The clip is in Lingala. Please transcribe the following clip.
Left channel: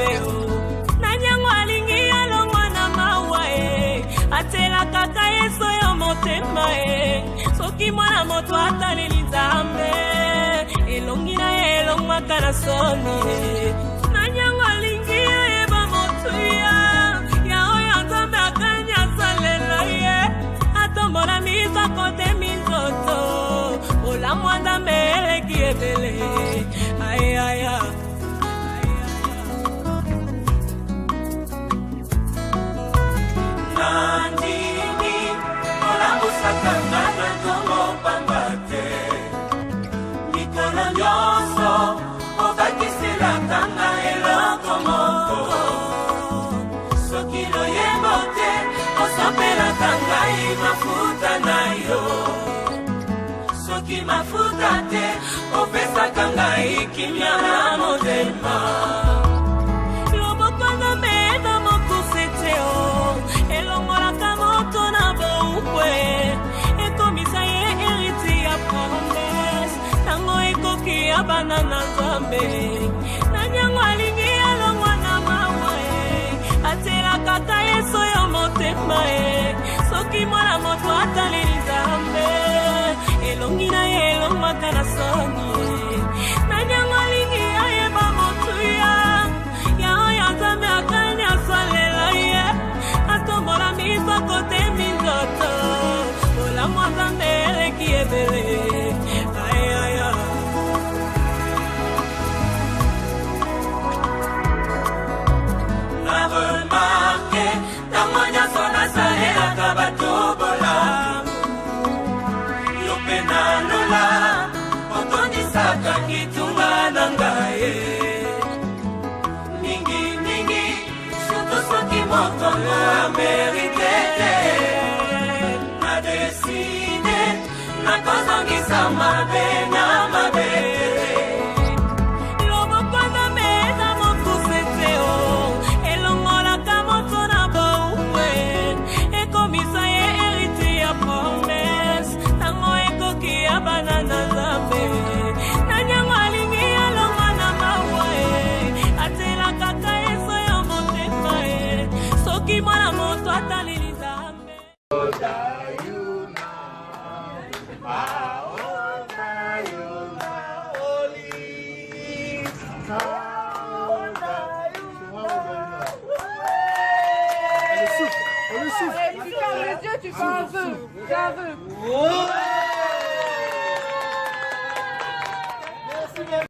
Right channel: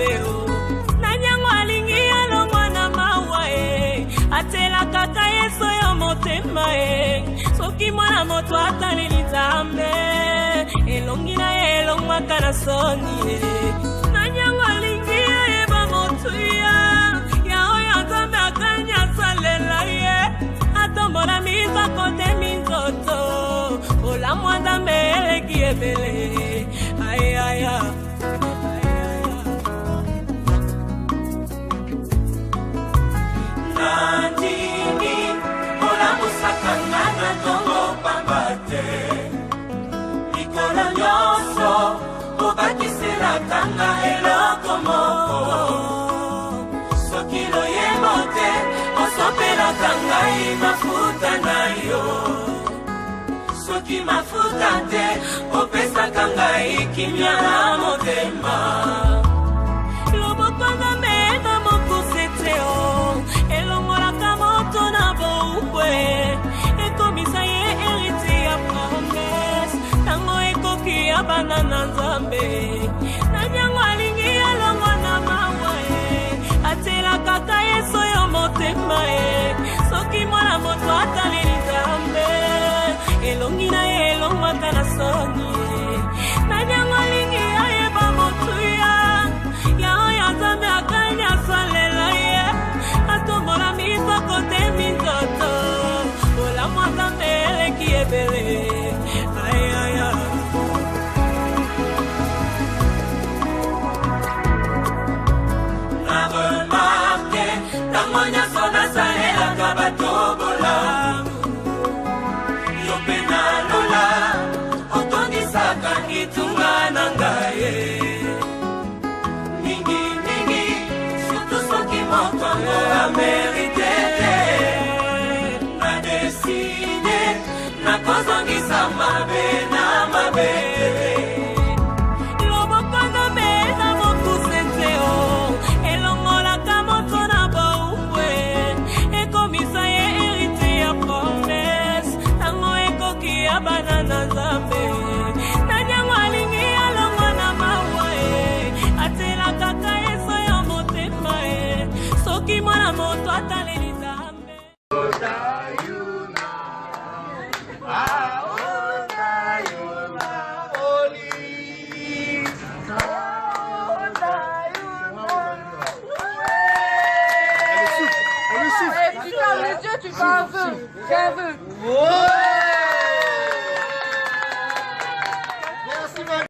nzambe o nanyango alingi alongwa na mawa atela kaka yeso yo motema soki mwana moto ataleli nzambe elongi na ye elongwaka na soni nanyango alingi ayeba motuya ya oyo nzambe akanya asalela ye atombola miso kote minzoto olamwa nzambe eleki ebele ayaya Kangai mafuta na yo soki mafuta te opesa kangai kimya na motema loboko na meda mokuse o elongolaka moto na boukwe ekomisa ye eriti ya promese tango ekoki ya bana na nzambe nanyango alingi alongwa na mawa atela kaka yeso yo motema soki mwana moto ataleli nzambe elongi na ye elongwaka na soni nanyango alingi ayeba motuya ya oyo nzambe akanya asalela ye atombola miso kote minzoto olamwa nzambe eleki ebele ayaya kitunga nangaye mingi mingi surtout soki moto a mérité na décidé na kozongisa mabe na mabete loboko na meza mokuse te o elongolaka moto na boukwe ekomisa ye hérité ya promese tango ekoki ya bana na nzambe nanyango alingi alongwa na mawa atela kaka yeso yo motema soki mwana moto ataleli nzambe Tu fermes les yeux, tu fais un vœu. Fais un vœu.